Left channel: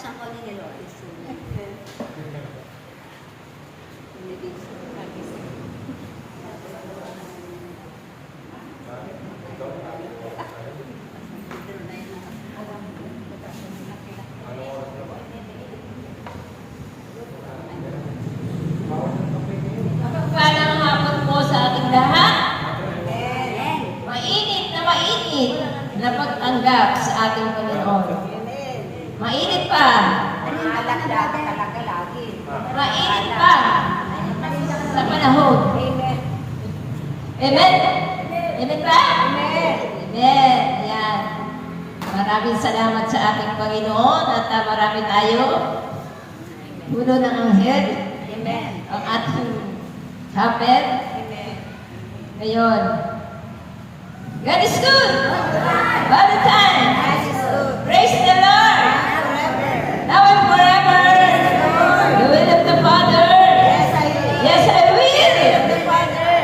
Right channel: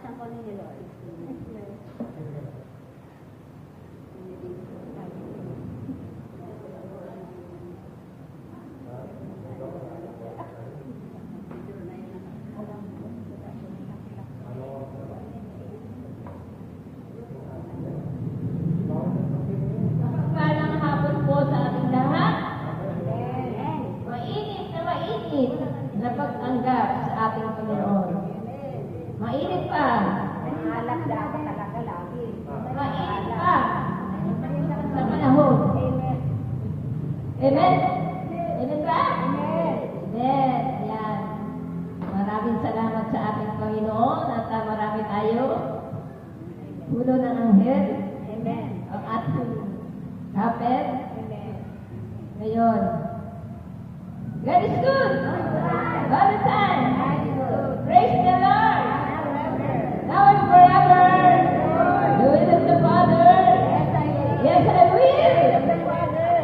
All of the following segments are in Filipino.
Buksan ko ni Lois. Magpapalang hapon po sa ating lahat. Amen. Mainit na pagtanggap sa ating Panginoon. Mainit pa. Talaga lagi. Mainit pa sa panahon. Amen. Amen? Amen ba? Amen. Amen. Yan. Maraming salamat sa ating Panginoon at marami tayo. Puno ng anghel. Amen. Ang ating chapel. Amen. Ngayon. God is good. All the time. God is good. Praise the Lord. Forever. Now and forever. The will of the Father. Yes, I will. Yes, I will. The Father.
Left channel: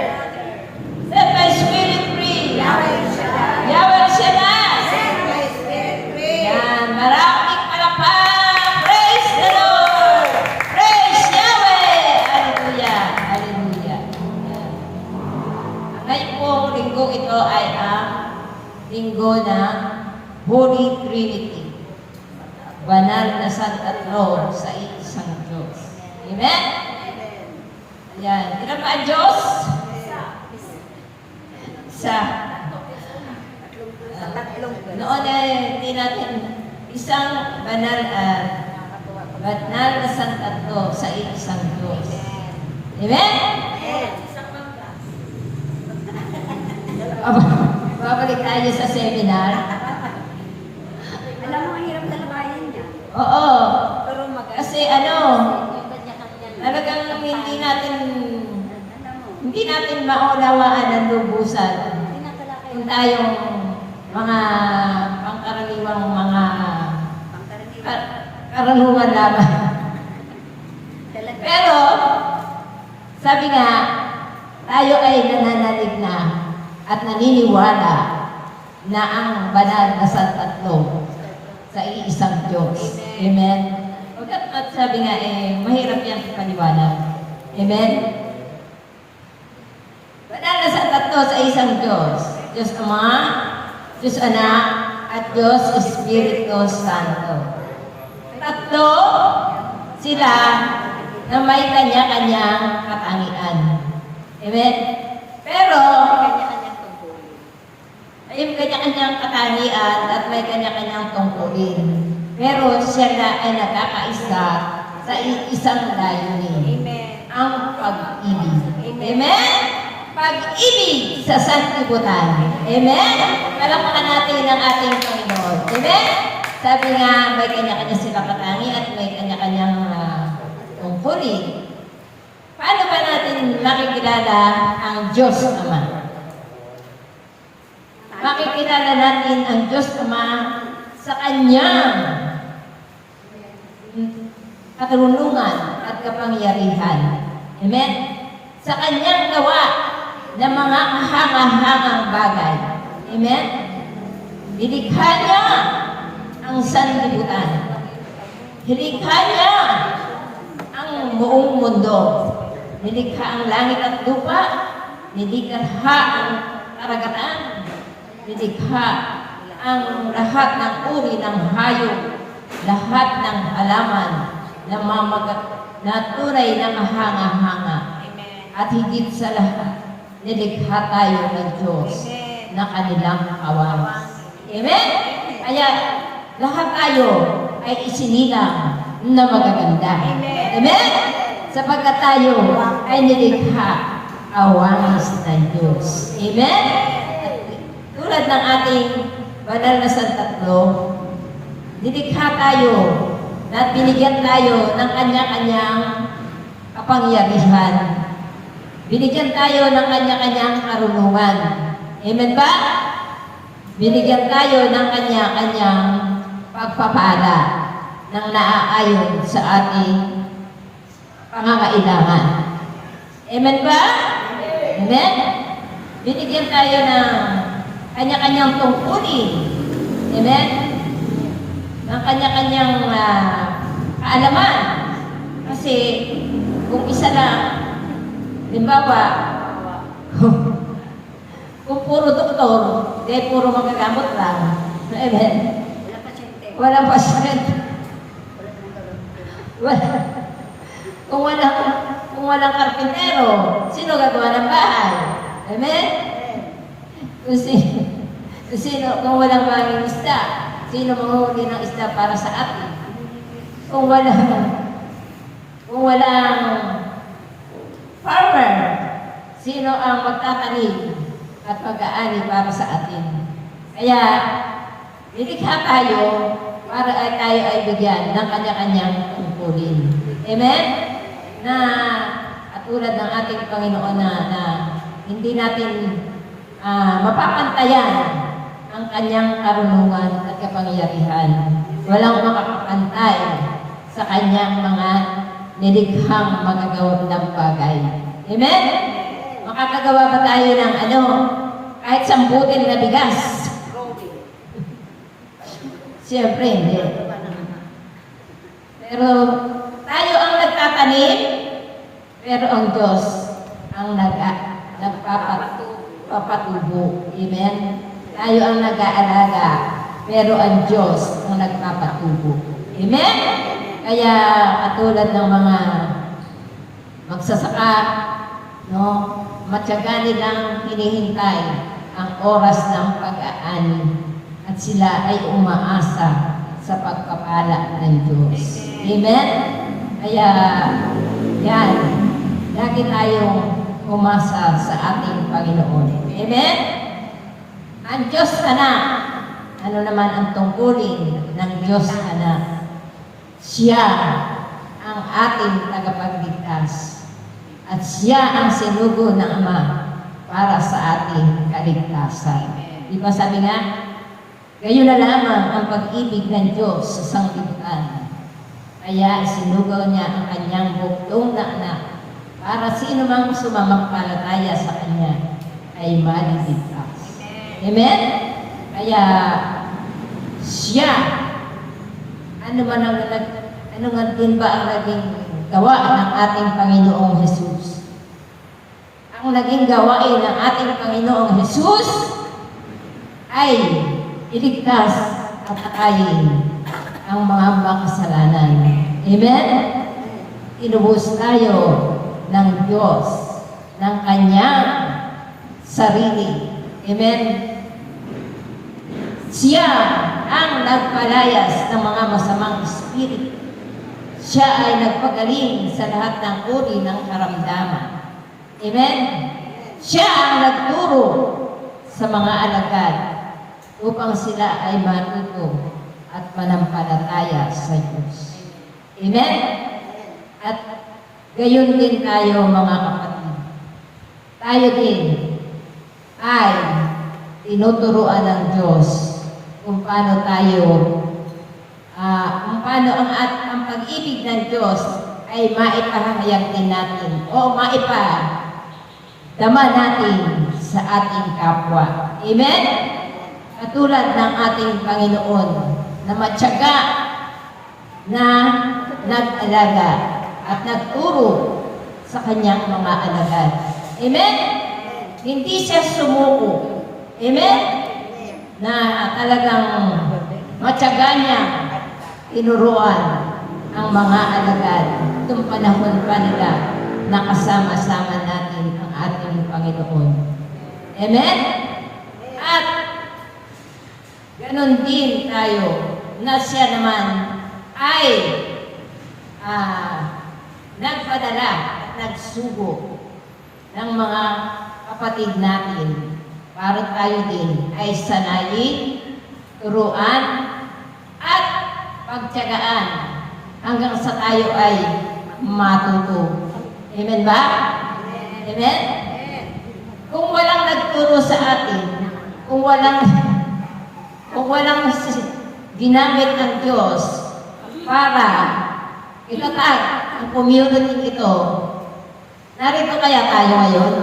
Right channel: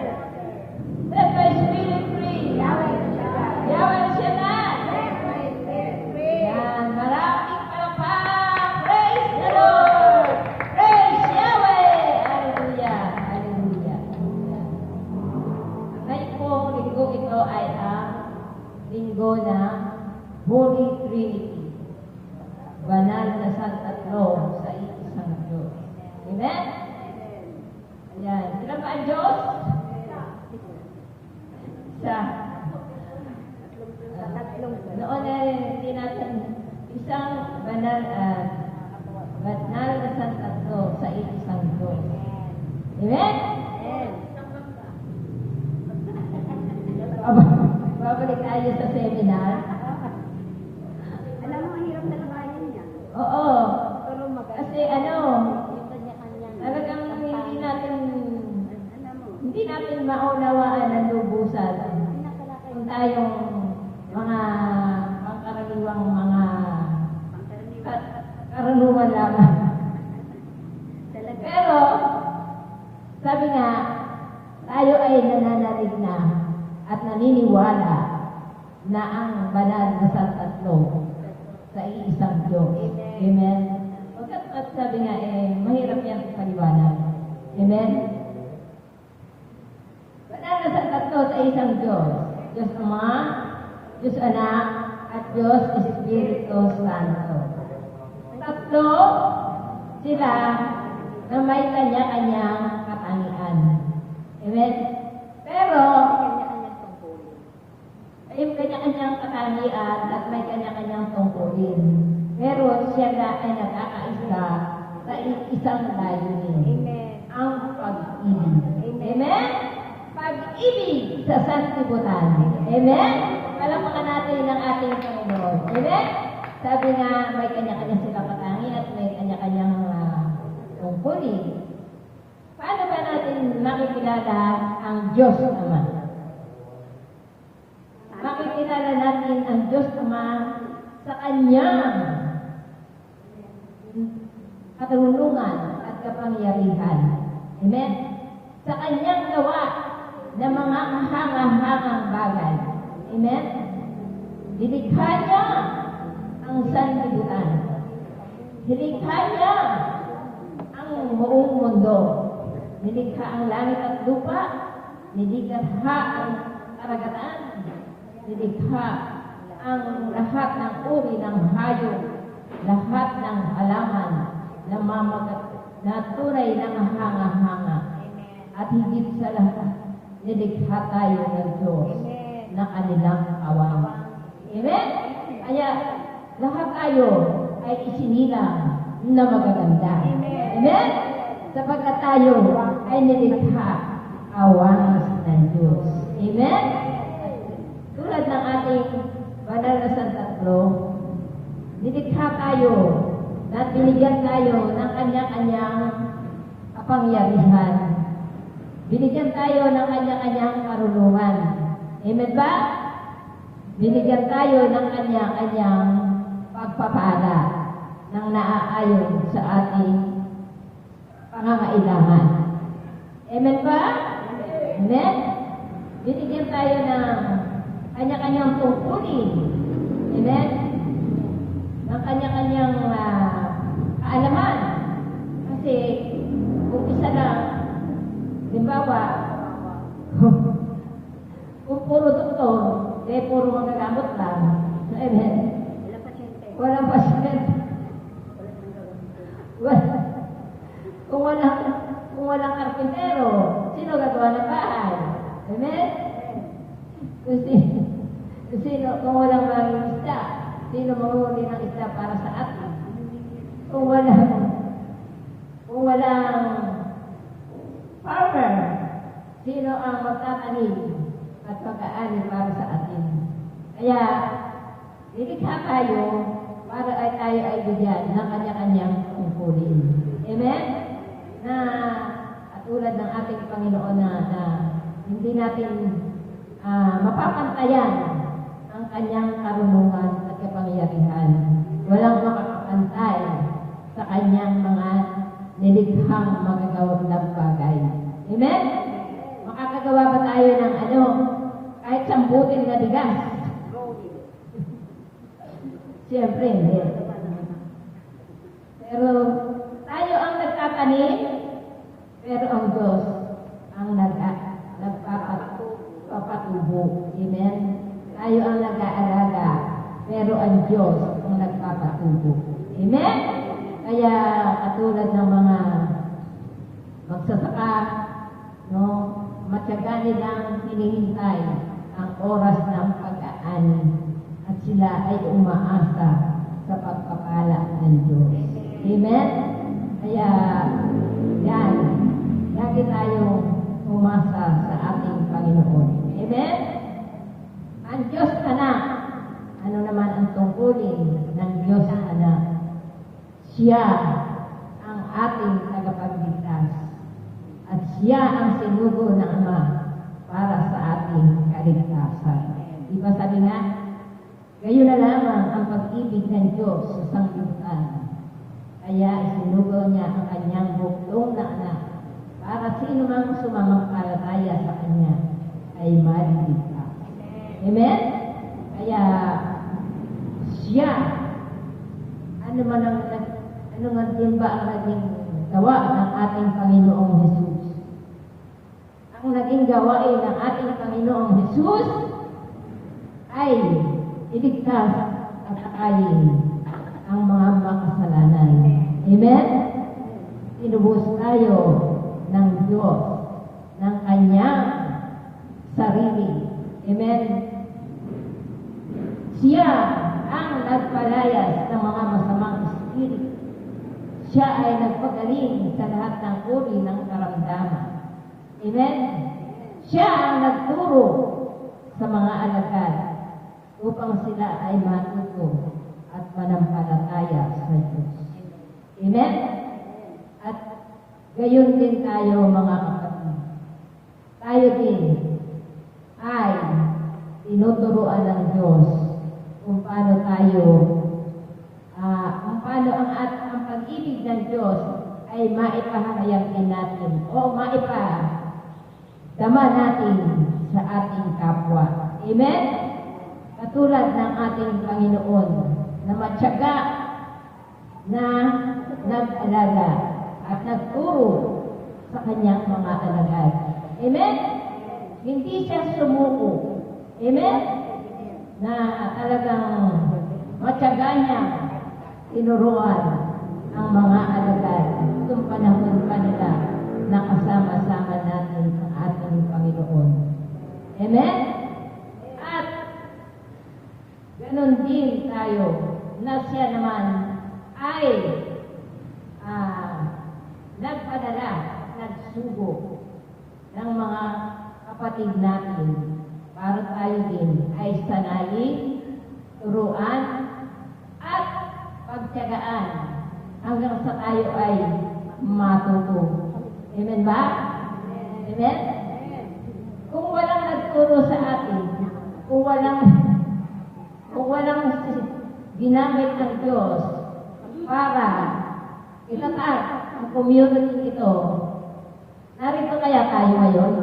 Set my spirit free. Yahweh Shaddai. Yahweh Shaddai. Set my spirit free. Yan, maraming palakpak. Praise the Lord. Praise Yahweh. Hallelujah. Hallelujah. Yan. Ngayon po, linggo ito ay ang linggo ng Holy Trinity. Banal na Santatlo sa isang Diyos. Amen? Ayan. Ilan ba ang Diyos? Isa. Sa tatlong verse. Noon ay hindi natin isang banal na Santatlo sa isang Diyos. Amen? Amen. Babalik tayo sa seminar. Alam mo, ang hirap talabayan niya. Oo. Pero maganda. Kasi Yung kanya-kanya. talagang Alam mo, hindi natin maunawaan ang lubusan tinatalakay kung tayong mga pangkaraniwang mga pangkaraniwan. karaniwan lamang. Talaga. Pero, sabi nga, tayo ay nananalig na at naniniwala na ang banal na Santatlo sa iisang Diyos. Amen? At sabi nga, mahirap yan paniwala. Amen? Banal na Santatlo sa isang Diyos. Diyos Ama, Diyos Anak, at Diyos Espiritu Santo. Tatlo sila na may kanya-kanyang katangian. Amen? Pero, Kanya-kanyang tungkulin. ay yung kanya-kanyang katangian at may kanya-kanyang tungkulin. Pero siya na ay nagkakaisa sa isang layunin. Amen. Ang pag-ibig. Amen. Amen? Pag-ibig sa sanlibutan. Amen? Palakpakan natin ang ating Panginoon. Amen? Sabi nga, may kanya-kanya silang katangian at may kanya-kanyang tungkulin. Paano ba natin makikilala ang Diyos Ama? Makikilala natin ang Diyos Ama sa Kanyang katarunungan at kapangyarihan. Amen? Sa Kanyang gawa ng mga kahanga-hangang bagay. Amen? Nilikha niya ang sanlibutan. Nilikha niya ang buong mundo. Nilikha ang langit at lupa. Nilikha ang karagatan. Nilikha ang lahat ng uri ng hayop, lahat ng halaman na tunay na mahanga-hanga. At higit sa lahat, nilikha tayo ng Diyos na kanilang kawan. Amen? Kaya lahat tayo ay isinilang na magaganda. Amen? Sapagkat tayo ay nilikha awangis ng Diyos. Amen? Tulad ng ating banal na Santatlo, nilikha tayo at binigyan tayo ng kanya-kanyang kapangyarihan. Binigyan tayo ng kanya-kanyang karunungan. Amen ba? Binigyan tayo ng kanya-kanyang pagpapala ng naaayon sa ating pangangailangan. Amen ba? Amen? Binigyan tayo ng kanya-kanyang tungkulin. Amen? Ng kanya-kanyang kaalaman. Kasi kung isa lang, limbawa, kung puro doktor, puro magagamot lang. Amen. Wala pasyente. Walang pasyente. Wala nang gagawin. Wala. Kung walang karpintero, sino gagawa ng bahay? Amen? Kung walang manging isda, sino manguhuli ng isda para sa atin? Kung walang farmer, sino ang magtatanim at mag-aani para sa atin? Kaya, nilikha tayo para tayo ay bigyan ng kanya-kanyang tungkulin. Amen? Na katulad ng ating Panginoon na hindi natin mapapantayan ang kanyang karunungan at kapangyarihan. Walang makakapantay sa kanyang mga nilikhang magagawa ng bagay. Amen? Makakagawa ba tayo ng kahit sambutin na bigas? Siyempre, hindi. Pero tayo ang nagtatanim, pero ang Diyos ang nagpapatubo. Amen? Tayo ang nag-aalaga, pero ang Diyos ang nagpapatubo. Amen? Kaya katulad ng mga magsasaka, matyaga nilang hinihintay ang oras ng pag-aani at sila ay umaasa sa pagpapala ng Diyos. Amen? Kaya, yan, lagi tayong umasa sa ating Panginoon. Amen? Ang Diyos Anak, ano naman ang tungkulin ng Diyos Anak? Siya ang ating tagapagligtas at siya ang sinugo ng Ama para sa ating kaligtasan. Di ba sabi nga, gayon na lamang ang pag-ibig ng Diyos sa sanglibutan. Kaya sinugaw niya ang kanyang buktong na anak para sino mang sumamampalataya sa kanya ay maliligtas. Amen? Kaya siya, ano nga din ba ang naging gawa ng ating Panginoong Jesus? Ang naging gawain ng ating Panginoong Jesus ay iligtas at akayin ang mga makasalanan. Amen? Inubos tayo ng Diyos ng kanyang sarili. Amen? Siya ang nagpalayas ng mga masamang espiritu. Siya ay nagpagaling sa lahat ng uri ng karamdaman. Amen? Siya ang nagturo sa mga alagad upang sila ay matuto at manampalataya sa Diyos. Amen? At gayon din tayo mga kapatid. Tayo din ay tinuturuan ng Diyos kung paano ang pag-ibig ng Diyos ay maipahayag din natin o maipadama natin sa ating kapwa. Amen? Katulad ng ating Panginoon na matyaga na nag-alaga at nagturo sa kanyang mga alagad. Amen? Hindi siya sumuko. Amen? Na talagang matyaga niya tinuruan ang mga alagad itong panahon pa nila na kasama-sama natin ang ating Panginoon. Amen? At ganon din tayo na siya naman ay nagpadala at nagsugo ng mga kapatid natin para tayo din ay sanayin, turuan, at pagtiyagaan hanggang sa tayo ay matuto. Amen ba? Amen? Kung walang nagturo sa atin, kung walang ginamit ng Diyos para itatag ang community ito, narito kaya tayo ngayon?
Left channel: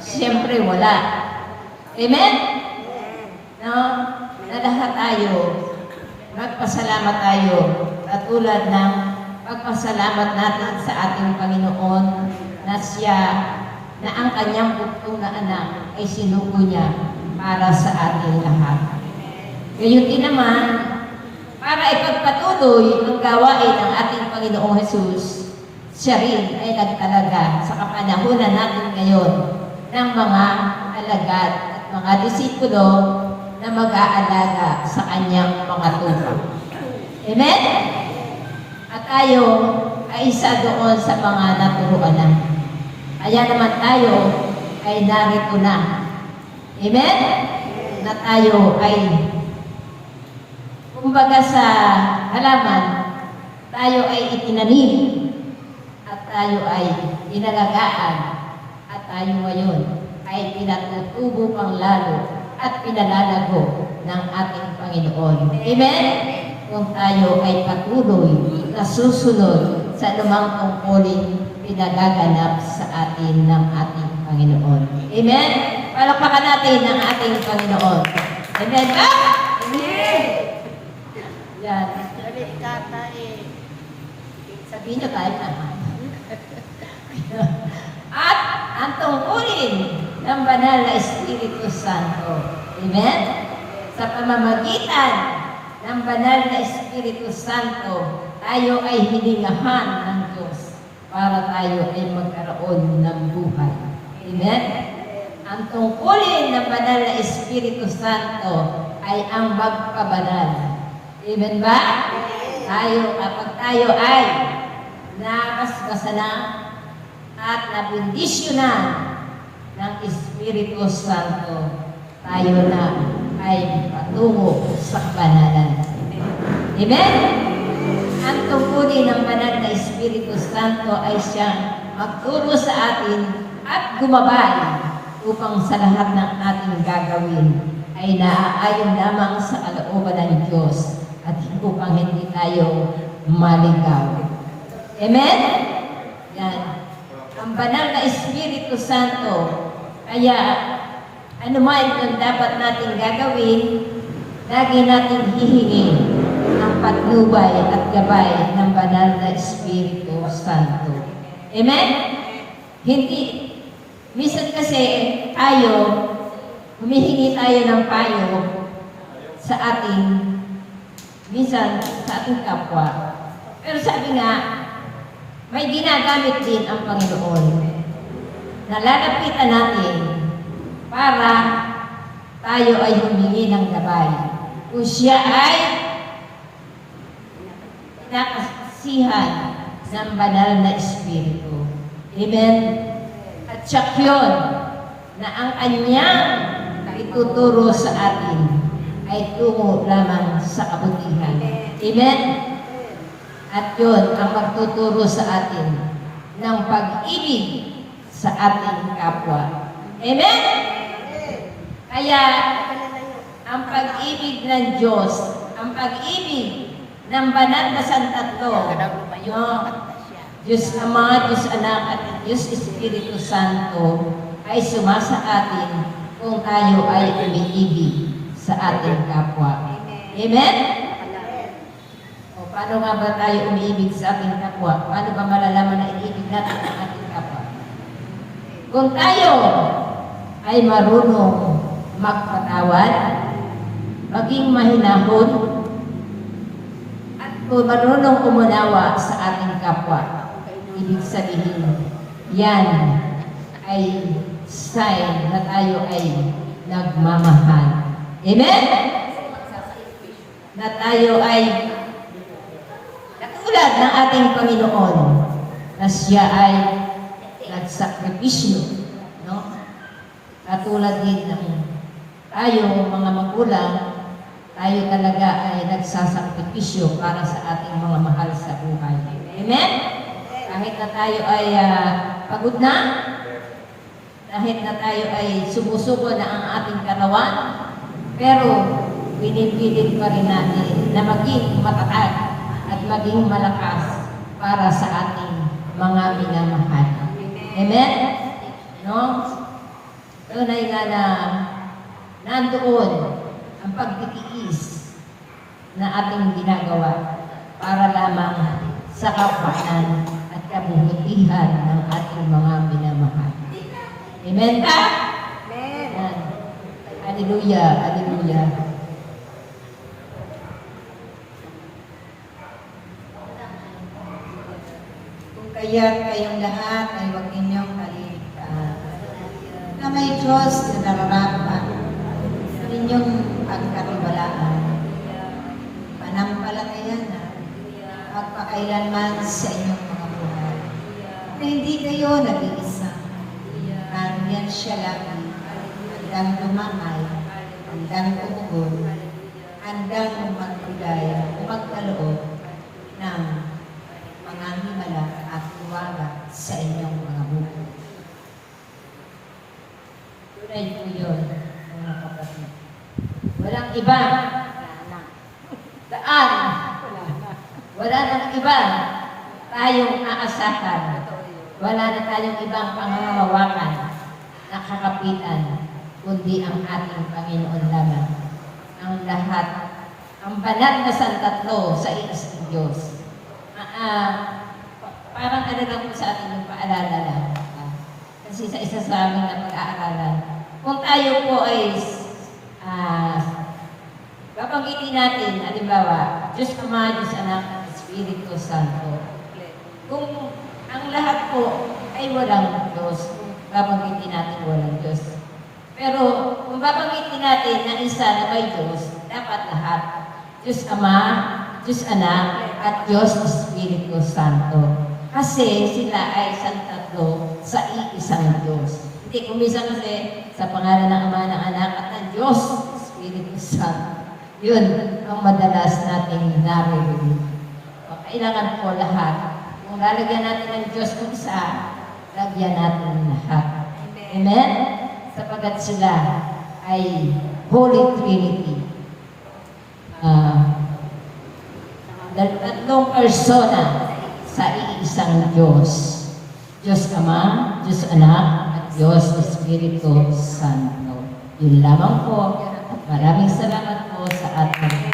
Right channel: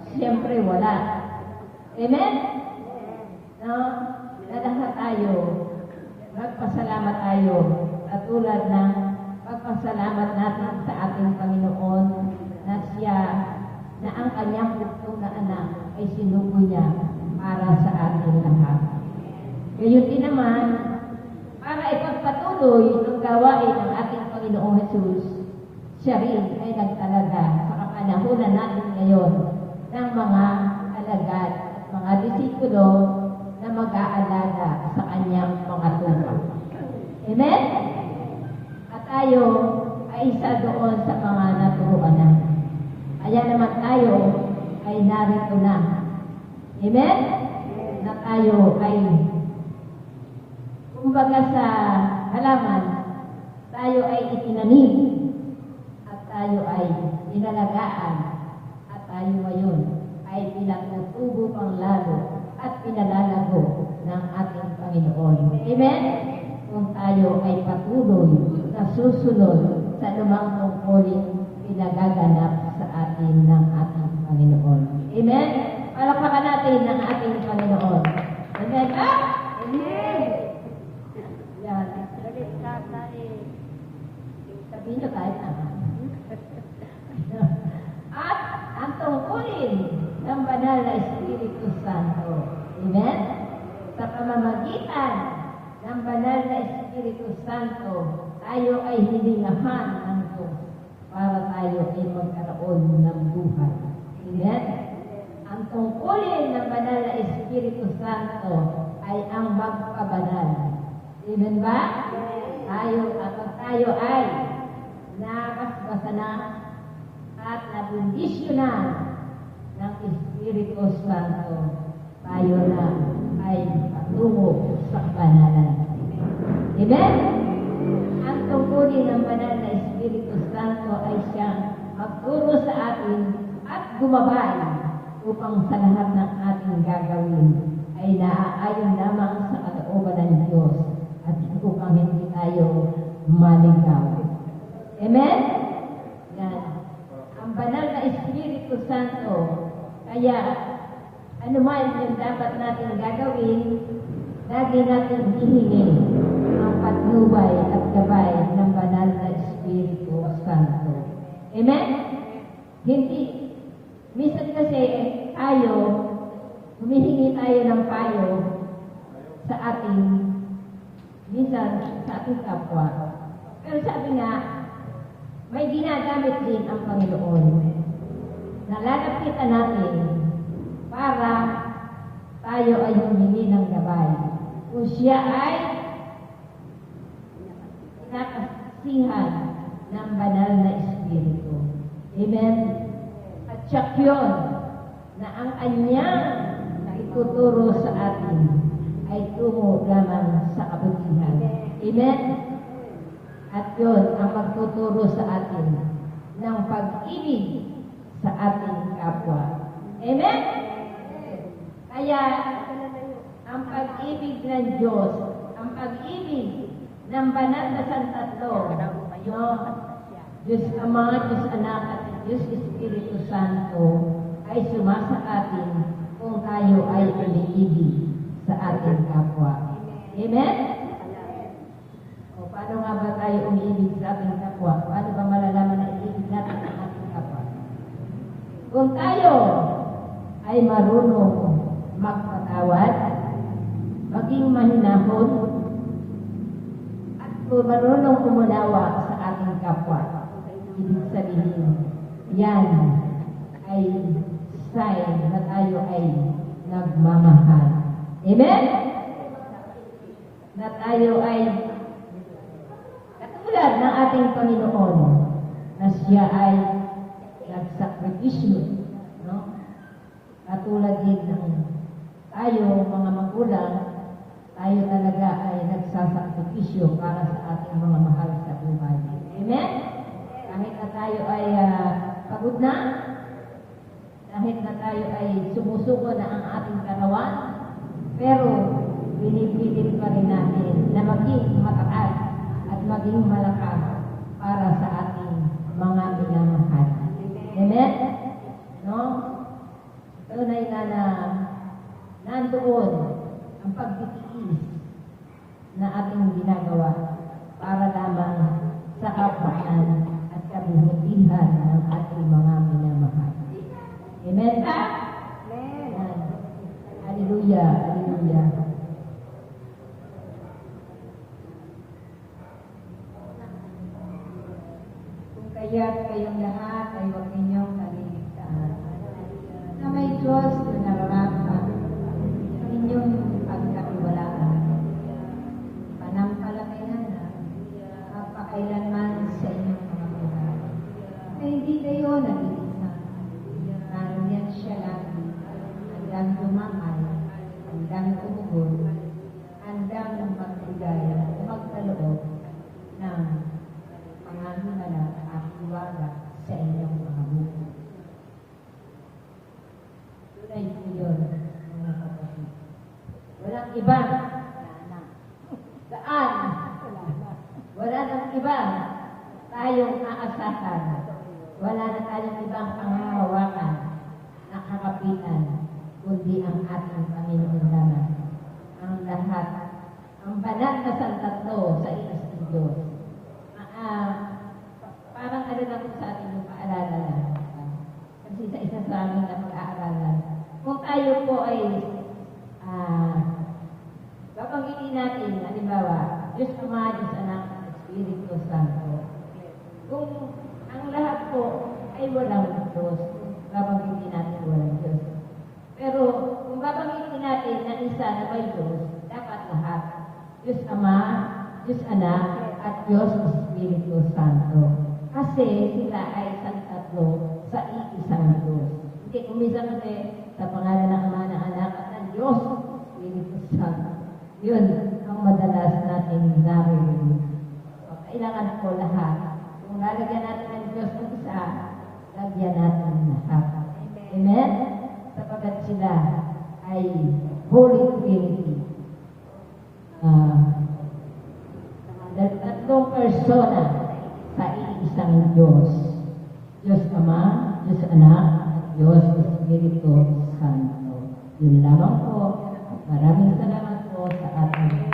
Siyempre wala. Amen? No? Na lahat tayo, magpasalamat tayo at katulad ng pagpasalamat natin sa ating Panginoon na siya, na ang kanyang bugtong na anak ay sinuko niya para sa ating lahat. Gayon din naman, para ipagpatuloy ang gawain ng ating Panginoong Hesus, siya rin ay nagtalaga sa kapanahunan natin ngayon ng mga alagad at mga disipulo na mag-aalaga sa kanyang mga tupa. Amen? At tayo ay isa doon sa mga naturuan na. Kaya naman tayo ay narito na. Amen? Na tayo ay, kumbaga sa halaman, tayo ay itinanim at tayo ay inalagaan at tayo ngayon ay pinatutubo pang lalo at pinalalago ng ating Panginoon. Amen? Kung tayo ay patuloy na susunod sa anumang tungkulin pinagaganap sa atin ng ating Panginoon. Amen? Palakpakan natin ang ating Panginoon. Amen ba? Amen! Yan. Galit ka tayo. Sabihin nyo tayo naman. At ang tungkulin ng Banal na Espiritu Santo. Amen? Sa pamamagitan ng Banal na Espiritu Santo, tayo ay hiningahan ng Diyos para tayo ay magkaroon ng buhay. Amen? Ang tungkulin ng Banal na Espiritu Santo ay ang magpabanal. Amen ba? Kapag tayo ay nakasbasa na at nabindisyonan ng Espiritu Santo, tayo na ay patungo sa kabanalan. Amen? Ang tungkulin ng Banal na Espiritu Santo ay siyang magturo sa atin at gumabay upang sa lahat ng ating gagawin ay naaayon lamang sa kalooban ng Diyos at upang hindi tayo maligaw. Amen? Yan. Ang Banal na Espiritu Santo, kaya ano man yung dapat natin gagawin, lagi natin hihingin ang patnubay at gabay ng Banal na Espiritu Santo. Amen? Hindi. Minsan kasi tayo, humihingi tayo ng payo sa ating, minsan sa ating kapwa. Pero sabi nga, may ginagamit din ang Panginoon na lalapitan natin para tayo ay humingi ng gabay. Kung siya ay nakasihan ng Banal na Espiritu. Amen? At siya yun na ang kanyang ituturo sa atin ay tungo lamang sa kabutihan. Amen? At yun ang magtuturo sa atin ng pag-ibig sa ating kapwa. Amen? Kaya, ang pag-ibig ng Diyos, ang pag-ibig ng Banal na Santatlo, Diyos Ama, Diyos Anak, at Diyos Espiritu Santo, ay sumasa atin kung tayo ay umiibig sa ating kapwa. Amen? O paano nga ba tayo umiibig sa ating kapwa? Paano ba malalaman na iibig natin ang ating kapwa? Kung tayo ay marunong magpatawad, maging mahinahon, at kung marunong umunawa sa ating kapwa, ibig sabihin, yan ay sign na tayo ay nagmamahal. Amen? Na tayo ay katulad ng ating Panginoon na siya ay nagsakripisyo, no? Katulad din ng tayo mga magulang, tayo talaga ay nagsasakripisyo para sa ating mga mahal sa buhay. Amen? Kahit na tayo ay pagod na, kahit na tayo ay sumusuko na ang ating katawan, pero pinipilit pa rin natin na maging matatag at maging malakas para sa ating mga minamahal. Amen? No? Tunay nga na nandoon ang pagtitiis na ating ginagawa para lamang sa kapakanan at kabutihan ng ating mga minamahal. Amen ka? Amen. Ayan. Hallelujah, hallelujah. Kung kaya't kayong lahat ay huwag ninyong kalimutan na may Diyos na nararapat sa inyong pagkatiwalaan, panampalatayan na magpakailanman sa inyong mga buhay. Na hindi kayo nag-iisa. Nariyan siya lagi, handang lumakay, handang umugon, handang magbigay o magkaloob ng mga himala at tuwaga sa inyong mga buhay. Tunay po yun, mga kapatid. Walang iba. Daan. Wala nang iba tayong aasahan. Wala na tayong ibang pangangalawakan na kakapitan, kundi ang ating Panginoon lamang. Ang lahat, ang banal na santatlo sa iisang Diyos. Parang ano lang po sa atin yung paalala lang. Kasi sa isa sa amin na pag-aaralan, kung tayo po ay babanggitin natin, halimbawa, Diyos Ama, Diyos Anak, Espiritu Santo. Kung ang lahat po ay walang Diyos, kung babanggitin natin walang Diyos. Pero kung babanggitin natin na isa na may Diyos, dapat lahat. Diyos Ama, Diyos Anak, at Diyos Espiritu Santo. Kasi sila ay isang tatlo sa iisang Diyos. Hindi, kumisa kasi sa pangalan ng Ama, ng Anak, at ng Diyos Espiritu Santo. Yun ang madalas nating naririnig. Kailangan po lahat. Kung lalagyan natin ng Diyos kung isa, lagyan natin lahat. Amen? Sapagat sila ay Holy Trinity. Tatlong persona sa iisang Diyos. Diyos Ama, Diyos Anak, at Diyos Espiritu Santo. Yun lamang po. Maraming salamat po sa ating